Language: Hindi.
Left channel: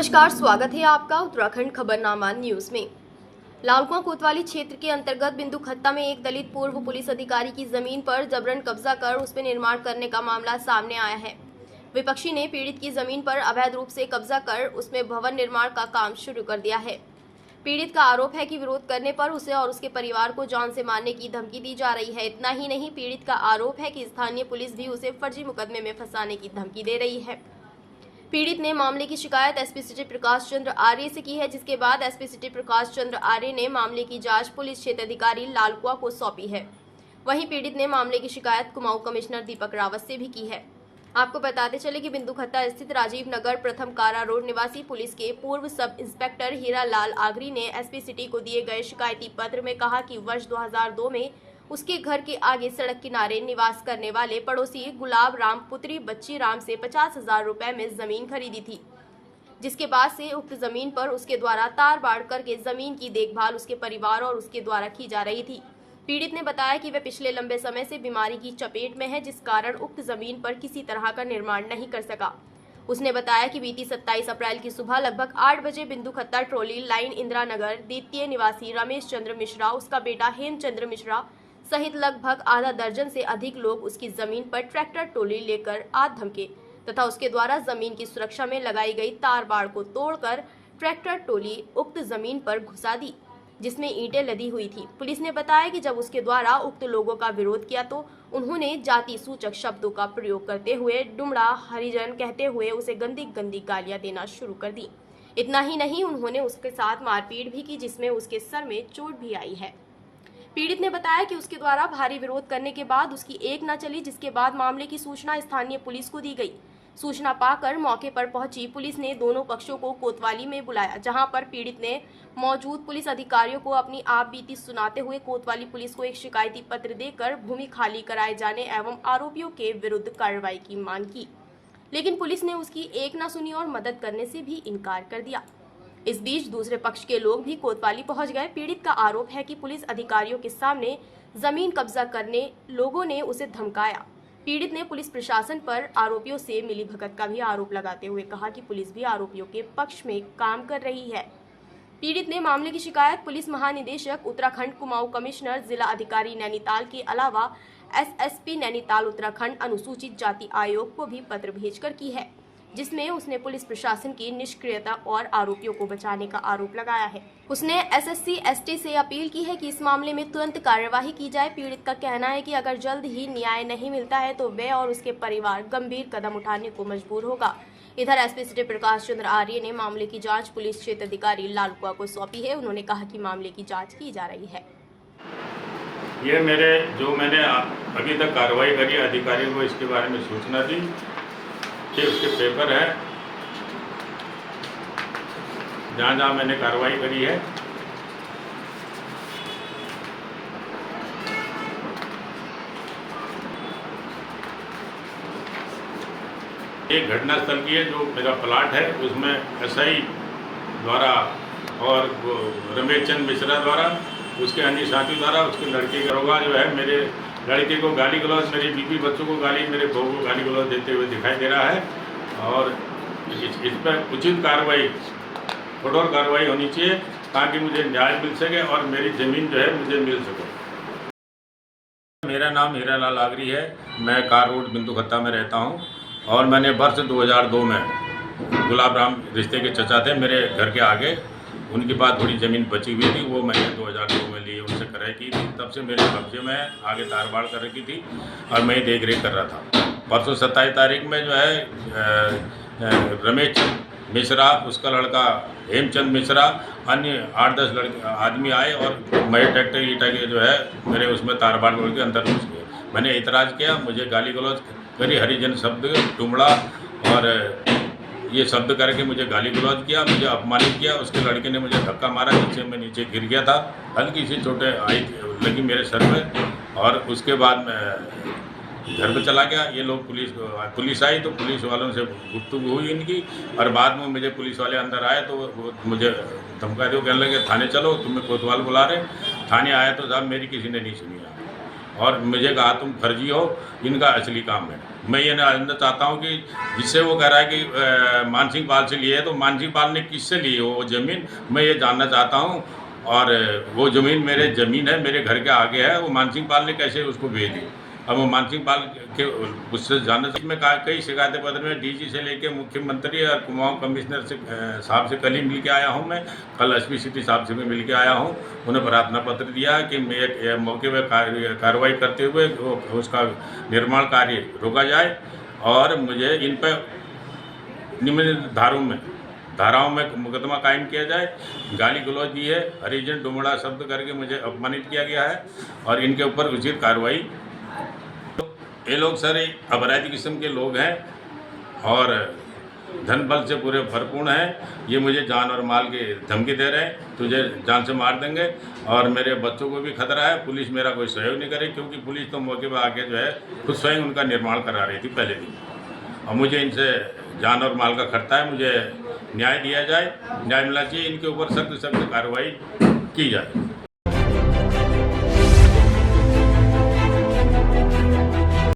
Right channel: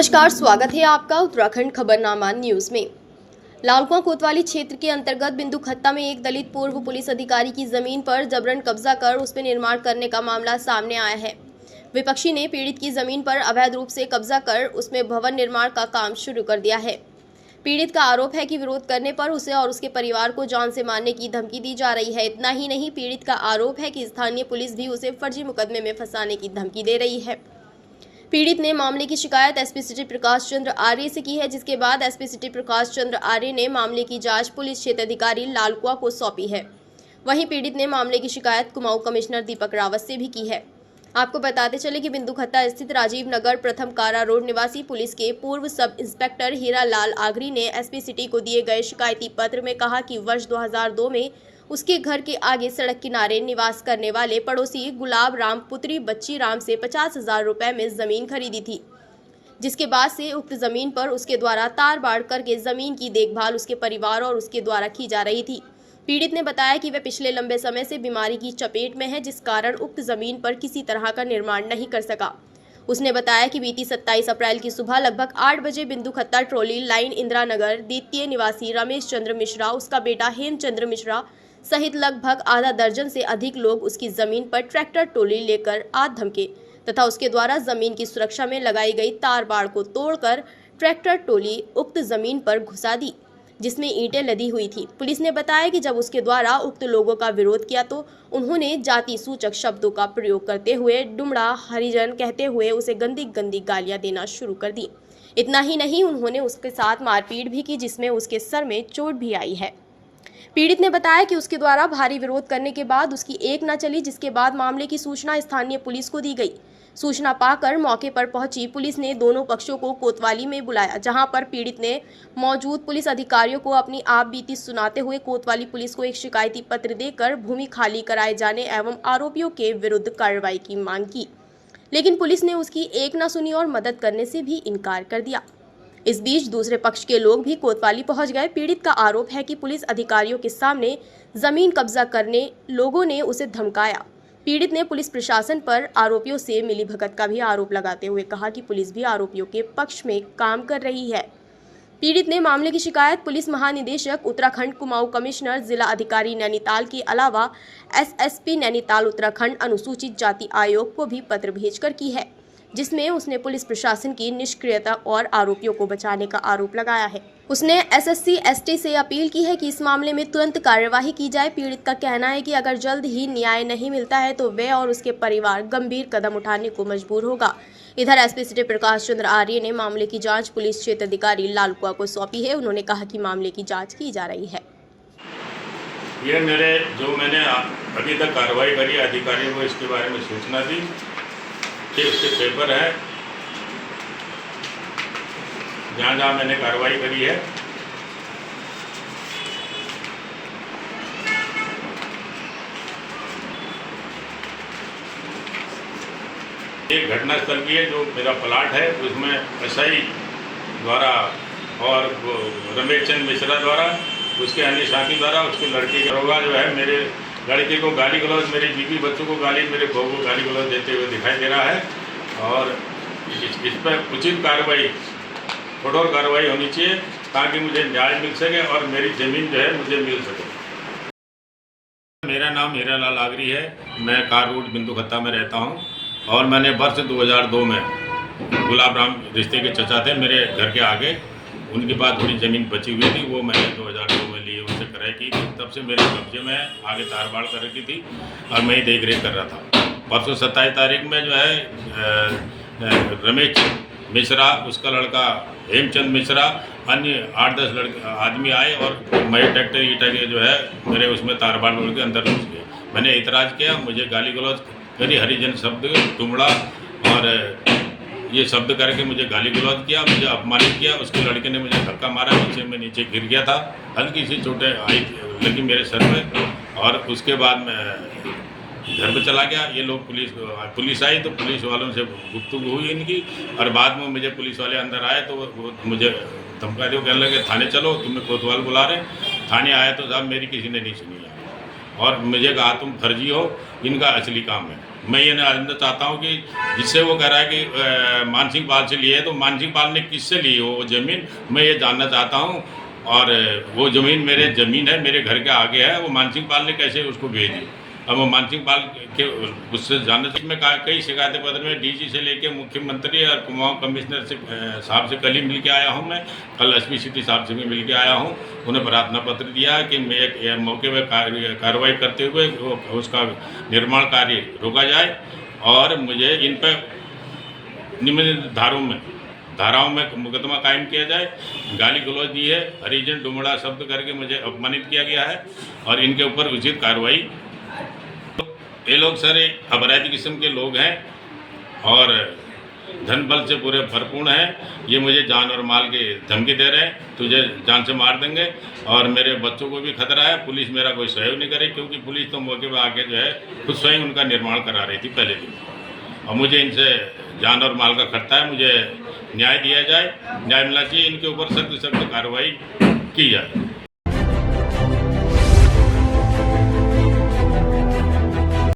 नमस्कार, स्वागत है आपका उत्तराखंड खबरनामा न्यूज में। लालकुआं कोतवाली क्षेत्र के अंतर्गत बिंदु खत्ता में एक दलित पूर्व पुलिस अधिकारी की जमीन पर जबरन कब्जा कर उस पर निर्माण करने का मामला सामने आया है। विपक्षी ने पीड़ित की जमीन पर अवैध रूप से कब्जा कर उसमें भवन निर्माण का काम शुरू कर दिया है। पीड़ित का आरोप है कि विरोध करने पर उसे और उसके परिवार को जान से मारने की धमकी दी जा रही है। इतना ही नहीं, पीड़ित का आरोप है कि स्थानीय पुलिस भी उसे फर्जी मुकदमे में फंसाने की धमकी दे रही है। पीड़ित ने मामले की शिकायत एसपी सिटी प्रकाश चंद्र आर्य से की है, जिसके बाद एसपी सिटी प्रकाश चंद्र आर्य ने मामले की जांच पुलिस क्षेत्र अधिकारी लालकुआं को सौंपी है। वहीं पीड़ित ने मामले की शिकायत कुमाऊं कमिश्नर दीपक रावत से भी की है। आपको बताते चले कि बिंदु खत्ता स्थित राजीव नगर प्रथम कारा रोड निवासी पुलिस के पूर्व सब इंस्पेक्टर हीरा लाल आगरी ने एसपी सिटी को दिए गए शिकायती पत्र में कहा कि वर्ष 2002 में उसके घर के आगे सड़क किनारे निवास करने वाले पड़ोसी गुलाब राम पुत्री बच्ची राम से 50,000 रुपए में जमीन खरीदी थी, जिसके बाद से उक्त जमीन पर उसके द्वारा तार बाड़ करके जमीन की देखभाल उसके परिवार और उसके द्वारा की जा रही थी। पीड़ित ने बताया कि वह पिछले लंबे समय से बीमारी की चपेट में है, जिस कारण उक्त जमीन पर किसी तरह का निर्माण नहीं कर सका। उसने बताया कि बीती 27 अप्रैल की सुबह लगभग 8 बजे बिंदु खत्ता ट्रोली लाइन इंदिरा नगर द्वितीय निवासी रमेश चंद्र मिश्रा, उसका बेटा हेमचंद्र मिश्रा सहित लगभग आधा दर्जन से अधिक लोग उसकी जमीन पर ट्रैक्टर टोली लेकर आ धमके तथा उसके द्वारा जमीन की सुरक्षा में लगाई गई तार बाड़ को तोड़कर ट्रैक्टर टोली उक्त जमीन पर घुसा दी, जिसमें ईंटें लदी हुई थी। पुलिस ने बताया कि जब उसके द्वारा उक्त लोगों का विरोध किया तो उन्होंने जाति सूचक शब्दों का प्रयोग करते हुए डुमड़ा हरिजन कहते हुए उसे गंदी गंदी गालियां देना शुरू कर दी। इतना ही नहीं, उन्होंने उसके साथ मारपीट भी की, जिसमें उसके सर में चोट भी आई है। पीड़ित ने बताया कि उसके द्वारा भारी विरोध करने के बाद उसकी एक न चली, जिसके बाद मामले की सूचना स्थानीय पुलिस को दी गई। सूचना पाकर मौके पर पहुंची पुलिस ने दोनों पक्षों को कोतवाली में बुलाया, जहां पर पीड़ित ने मौजूद पुलिस अधिकारियों को अपनी आप बीती सुनाते हुए कोतवाली पुलिस को एक शिकायती पत्र देकर भूमि खाली कराए जाने एवं आरोपियों के विरुद्ध कार्रवाई की मांग की, लेकिन पुलिस ने उसकी एक न सुनी और मदद करने से भी इनकार कर दिया। इस बीच दूसरे पक्ष के लोग भी कोतवाली पहुंच गए। पीड़ित का आरोप है कि पुलिस अधिकारियों के सामने जमीन कब्जा करने लोगों ने उसे धमकाया। पीड़ित ने पुलिस प्रशासन पर आरोपियों से मिलीभगत का भी आरोप लगाते हुए कहा कि पुलिस भी आरोपियों के पक्ष में काम कर रही है। पीड़ित ने मामले की शिकायत पुलिस महानिदेशक उत्तराखंड, कुमाऊं कमिश्नर, जिला अधिकारी नैनीताल के अलावा एसएसपी नैनीताल उत्तराखंड, अनुसूचित जाति आयोग को भी पत्र भेजकर की है, जिसमें उसने पुलिस प्रशासन की निष्क्रियता और आरोपियों को बचाने का आरोप लगाया है। उसने एसएससी एसटी से अपील की है कि इस मामले में तुरंत कार्यवाही की जाए। पीड़ित का कहना है कि अगर जल्द ही न्याय नहीं मिलता है तो वे और उसके परिवार गंभीर कदम उठाने को मजबूर होगा। इधर एसपी सिटी प्रकाश चंद्र आर्य ने मामले की जाँच पुलिस क्षेत्र अधिकारी लालकुआं को सौंपी है। उन्होंने कहा कि मामले की जाँच की जा रही है। ये मैंने अभी तक कार्रवाई करी, अधिकारियों को इसके बारे में सूचना दी कि उसके पेपर है, जहाँ मैंने कार्रवाई करी है। एक घटनास्थल की है जो मेरा प्लाट है, उसमें एसआई द्वारा और रमेश चंद्र मिश्रा द्वारा, उसके अन्य साथी द्वारा उसके लड़के का रोगा जो है मेरे लड़के को गाली गलौज, मेरे बीवी बच्चों को गाली, मेरे बहू को गाली गलौज देते हुए दिखाई दे रहा है। और इस पर उचित कार्रवाई, कठोर कार्रवाई होनी चाहिए ताकि मुझे न्याय मिल सके और मेरी ज़मीन जो है मुझे मिल सके। मेरा नाम हीरा लाल आगरी है, मैं कार रोड बिंदु खत्ता में रहता हूं और मैंने वर्ष 2002 में गुलाब राम रिश्ते के चचा थे मेरे घर के आगे, उनके पास थोड़ी ज़मीन बची हुई थी, वो मैंने 2002 में लिए, उनसे क्रय की थी। तब से मेरे कब्जे में आगे तार बाड़ कर रखी थी और मैं ही देख रेख कर रहा था। परसों 27 तारीख में जो है रमेश मिश्रा, उसका लड़का हेमचंद मिश्रा, अन्य 8-10 लड़के आदमी आए और मैं ट्रैक्टर ईटा के जो है मेरे उसमें तार बाड़ बोल के अंदर घुस गए। मैंने इतराज़ किया, मुझे गाली गलौज करी, हरिजन शब्द, टुमड़ा और ये शब्द करके मुझे गाली गलौज किया, मुझे अपमानित किया। उसके लड़के ने मुझे धक्का मारा, मैं नीचे गिर गया था, हल्की सी चोटें आई लगी मेरे सर में। और उसके बाद मैं घर पे चला गया। ये लोग पुलिस आई तो पुलिस वालों से गुफ्तगू हुई इनकी, और बाद में मुझे पुलिस वाले अंदर आए तो वो मुझे धमका दे, कहने लगे थाने चलो, तुम्हें कोतवाल बुला रहे। थाने आया तो साहब मेरी किसी ने नहीं सुनी। और मुझे कहा तुम फर्जी हो, इनका असली काम है। मैं ये जानना चाहता हूँ कि जिससे वो कह रहा है कि मान सिंह पाल से लिए है, तो मान सिंह पाल ने किससे ली हो वो ज़मीन, मैं ये जानना चाहता हूँ। और वो ज़मीन मेरे ज़मीन है, मेरे घर के आगे है, वो मान सिंह पाल ने कैसे उसको भेज दी। अब वो मान सिंह पाल के उससे जानना चाहिए। मैं कई शिकायत पत्र में डीजी से लेके मुख्यमंत्री और कुमाऊं कमिश्नर से साहब से कल ही मिल के आया हूँ। मैं कल एसपी सिटी साहब से भी मिल के आया हूँ। उन्हें प्रार्थना पत्र दिया कि मैं मौके पर कार्रवाई करते हुए उसका निर्माण कार्य रोका जाए और मुझे इन पर निम्नलिखित धाराओं में मुकदमा कायम किया जाए। गाली गलौज दी है, हरिजन डुमड़ा शब्द करके मुझे अपमानित किया गया है और इनके ऊपर उचित कार्रवाई। ये लोग सारे अपराधी किस्म के लोग हैं और धन बल से पूरे भरपूर हैं। ये मुझे जान और माल की धमकी दे रहे हैं, तुझे जान से मार देंगे और मेरे बच्चों को भी खतरा है। पुलिस मेरा कोई सहयोग नहीं करे, क्योंकि पुलिस तो मौके पर आके जो है खुद स्वयं उनका निर्माण करा रही थी पहले भी। और मुझे इनसे जान और माल का खतरा है। मुझे न्याय दिया जाए, न्याय मिलना चाहिए। इनके ऊपर सख्त कार्रवाई की जाए।